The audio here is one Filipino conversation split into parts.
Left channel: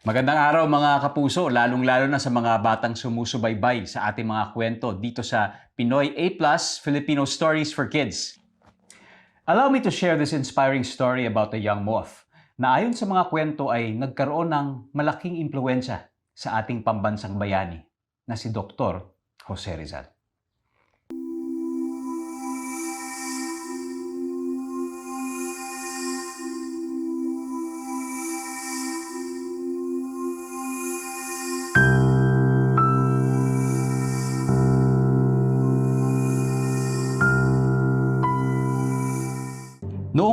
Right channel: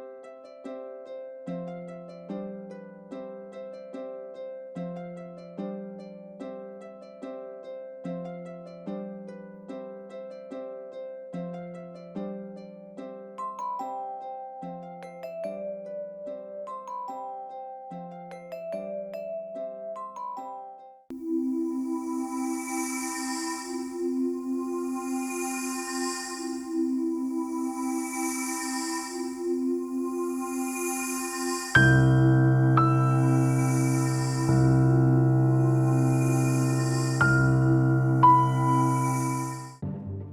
Magandang araw mga kapuso, lalong-lalo na sa mga batang sumusubaybay sa ating mga kwento dito sa Pinoy A+, Filipino Stories for Kids. Allow me to share this inspiring story about a young moth na ayon sa mga kwento ay nagkaroon ng malaking impluensya sa ating pambansang bayani na si Dr. Jose Rizal.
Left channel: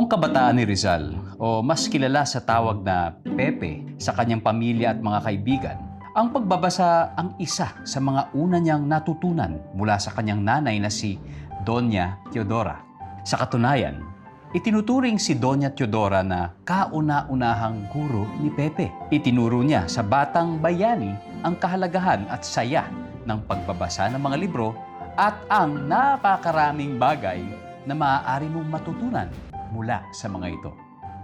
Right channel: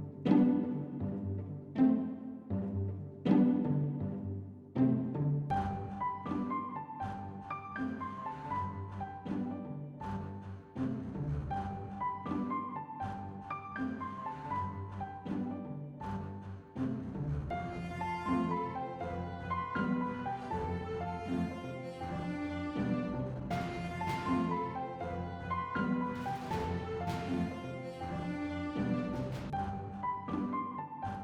Noong kabataan ni Rizal, o mas kilala sa tawag na Pepe sa kanyang pamilya at mga kaibigan, ang pagbabasa ang isa sa mga una niyang natutunan mula sa kanyang nanay na si Doña Teodora. Sa katunayan, itinuturing si Doña Teodora na kauna-unahang guro ni Pepe. Itinuro niya sa batang bayani ang kahalagahan at saya ng pagbabasa ng mga libro at ang napakaraming bagay na maaari mong matutunan mula sa mga ito.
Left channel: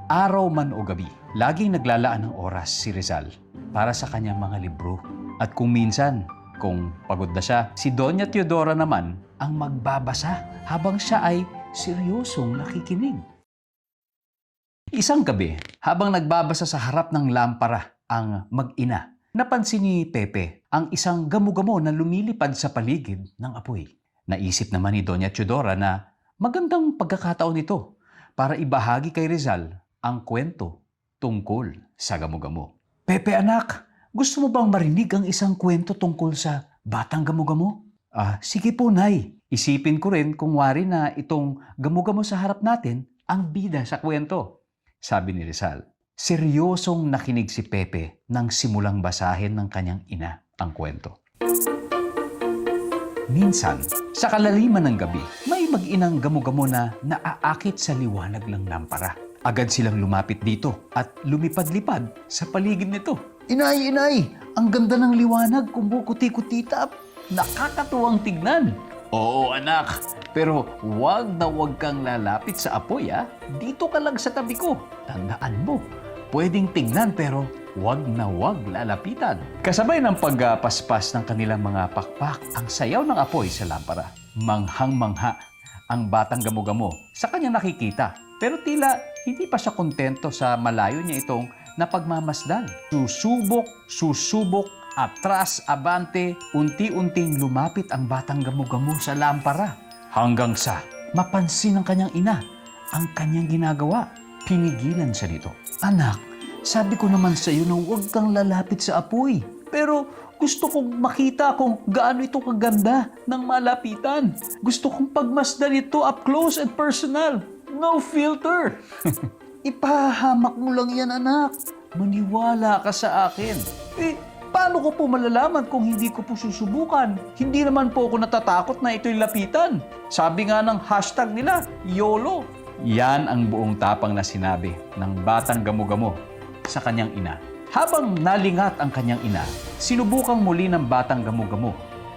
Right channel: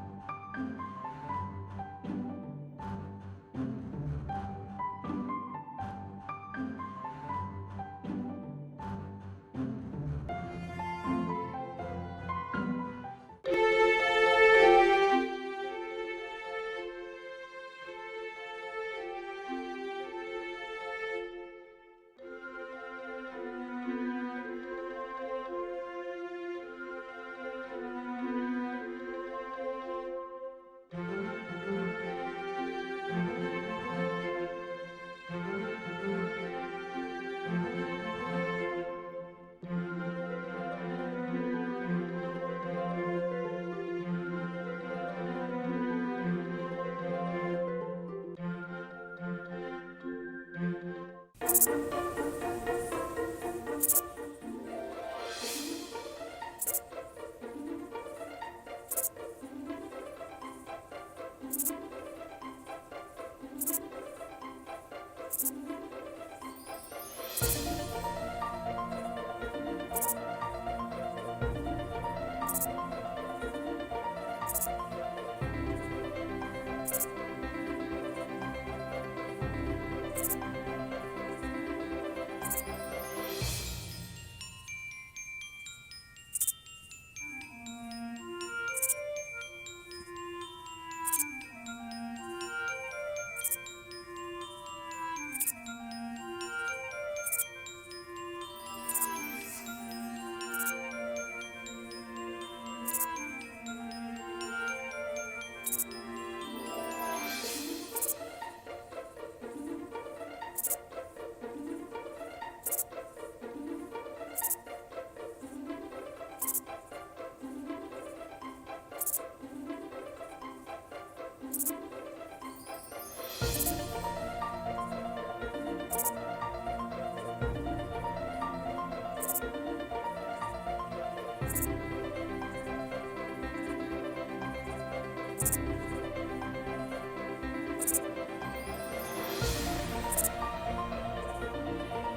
Araw man o gabi, laging naglalaan ng oras si Rizal para sa kanyang mga libro. At kung minsan, kung pagod na siya, si Doña Teodora naman ang magbabasa habang siya ay seryosong nakikinig. Isang gabi, habang nagbabasa sa harap ng lampara ang mag-ina, napansin ni Pepe ang isang gamo-gamo na lumilipad sa paligid ng apoy. Naisip naman ni Doña Teodora na magandang pagkakataon ito para ibahagi kay Rizal ang kwento tungkol sa gamo-gamo. Pepe anak, gusto mo bang marinig ang isang kwento tungkol sa batang gamo-gamo? Ah, sige po, Nay. Isipin ko rin kung wari na itong gamo-gamo sa harap natin ang bida sa kwento. Sabi ni Rizal. Seryosong nakinig si Pepe nang simulang basahin ng kanyang ina ang kwento. Minsan, sa kalaliman ng gabi, may mag-inang gamo-gamo na naaakit sa liwanag ng lampara. Agad silang lumapit dito at lumipad-lipad sa paligid nito. Inay, inay! Ang ganda ng liwanag, kumukuti-kutitap. Nakakatuwang tignan. Oo, anak. Pero wag na wag kang lalapit sa apoy, ha? Dito ka lang sa tabi ko. Tandaan mo, pwedeng tingnan pero wag na wag lalapitan. Kasabay ng pagpaspas ng kanilang mga pakpak, ang sayaw ng apoy sa lampara. Manghang-mangha ang batang gamo-gamo sa kanyang nakikita. Pero tila hindi pa siya kontento sa malayo niya itong napagmamasdan. Susubok, susubok, atras, abante, unti-unting lumapit ang batang gamo-gamo sa lampara. Hanggang sa mapansin ng kanyang ina ang kanyang ginagawa. Pinigilan siya nito. Anak, sabi ko naman sa iyo na huwag kang lalapit sa apoy. Pero gusto kong makita kung gaano ito kaganda ng malapitan. Gusto kong pagmasdan ito up close and personal. No filter. Ipahamak mo lang yan, anak. Maniwala ka sa akin. Eh, paano ko po malalaman kung hindi ko po susubukan? Hindi naman po ako natatakot na ito'y lapitan. Sabi nga ng hashtag nila, YOLO. Yan ang buong tapang na sinabi ng batang gamo-gamo sa kanyang ina. Habang nalingat ang kanyang ina, sinubukang muli ng batang gamo-gamo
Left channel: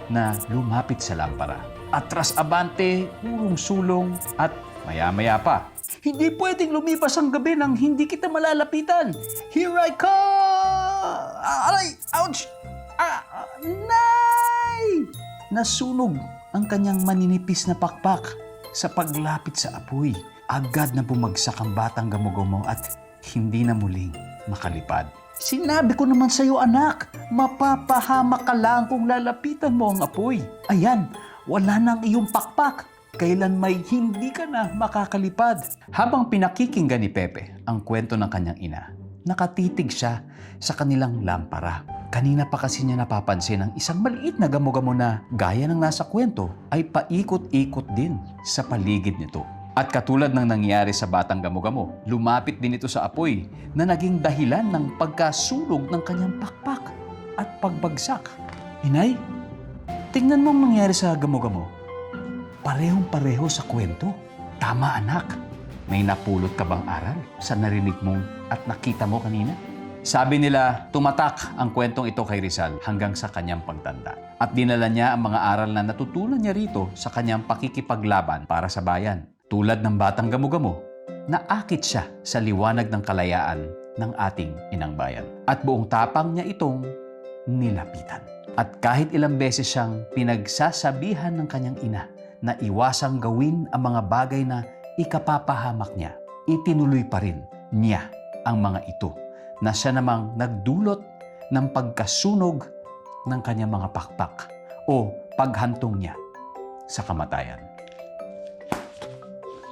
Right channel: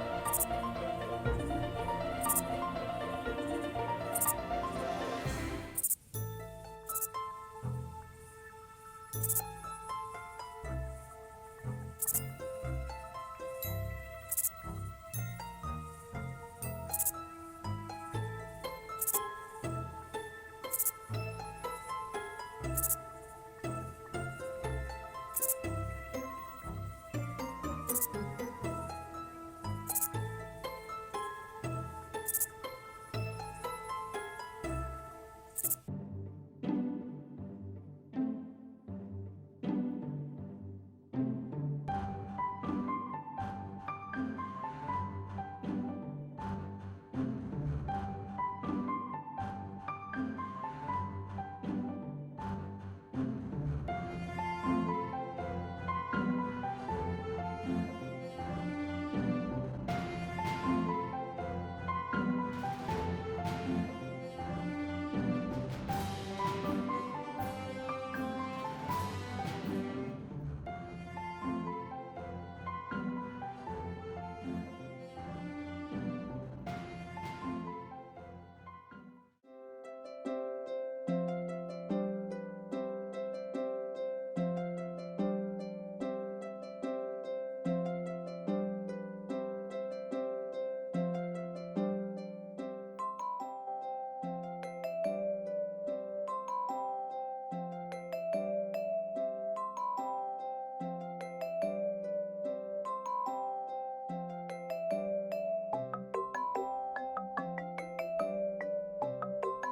na lumapit sa lampara. Atras abante, urong sulong at maya-maya pa. Hindi pwedeng lumipas ang gabi nang hindi kita malalapitan. Here I come! Ah, Aray! Ouch! Ah, ah, nay! Nasunog ang kanyang maninipis na pakpak sa paglapit sa apoy. Agad na bumagsak ang batang gamugumo at hindi na muling makalipad. Sinabi ko naman sa iyo, anak, mapapahamak ka lang kung lalapitan mo ang apoy. Ayan, wala nang iyong pakpak. Kailan may hindi ka na makakalipad. Habang pinakikinggan ni Pepe ang kwento ng kanyang ina, nakatitig siya sa kanilang lampara. Kanina pa kasi niya napapansin ang isang maliit na gamo-gamo na gaya ng nasa kwento ay paikot-ikot din sa paligid nito. At katulad ng nangyari sa batang gamo-gamo, lumapit din ito sa apoy na naging dahilan ng pagkasunog ng kanyang pakpak at pagbagsak. Inay, tingnan mo ang nangyari sa gamo-gamo. Parehong-pareho sa kwento. Tama anak. May napulot ka bang aral sa narinig mong at nakita mo kanina? Sabi nila, tumatak ang kwentong ito kay Rizal hanggang sa kanyang pagtanda. At dinala niya ang mga aral na natutunan niya rito sa kanyang pakikipaglaban para sa bayan. Tulad ng batang gamo-gamo, naakit siya sa liwanag ng kalayaan ng ating inang bayan. At buong tapang niya itong nilapitan. At kahit ilang beses siyang pinagsasabihan ng kanyang ina na iwasang gawin ang mga bagay na ikapapahamak niya, itinuloy pa rin niya ang mga ito na siya namang nagdulot ng pagkasunog ng kanyang mga pakpak o paghantong niya sa kamatayan.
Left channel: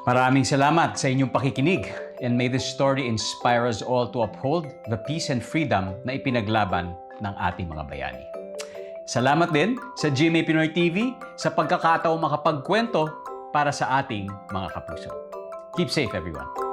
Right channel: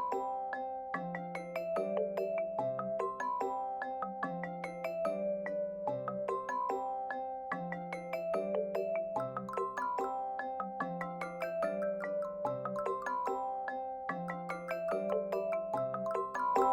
Maraming salamat sa inyong pakikinig and may this story inspire us all to uphold the peace and freedom na ipinaglaban ng ating mga bayani. Salamat din sa GMA Pinoy TV sa pagkakataong makapagkwento para sa ating mga kapuso. Keep safe everyone.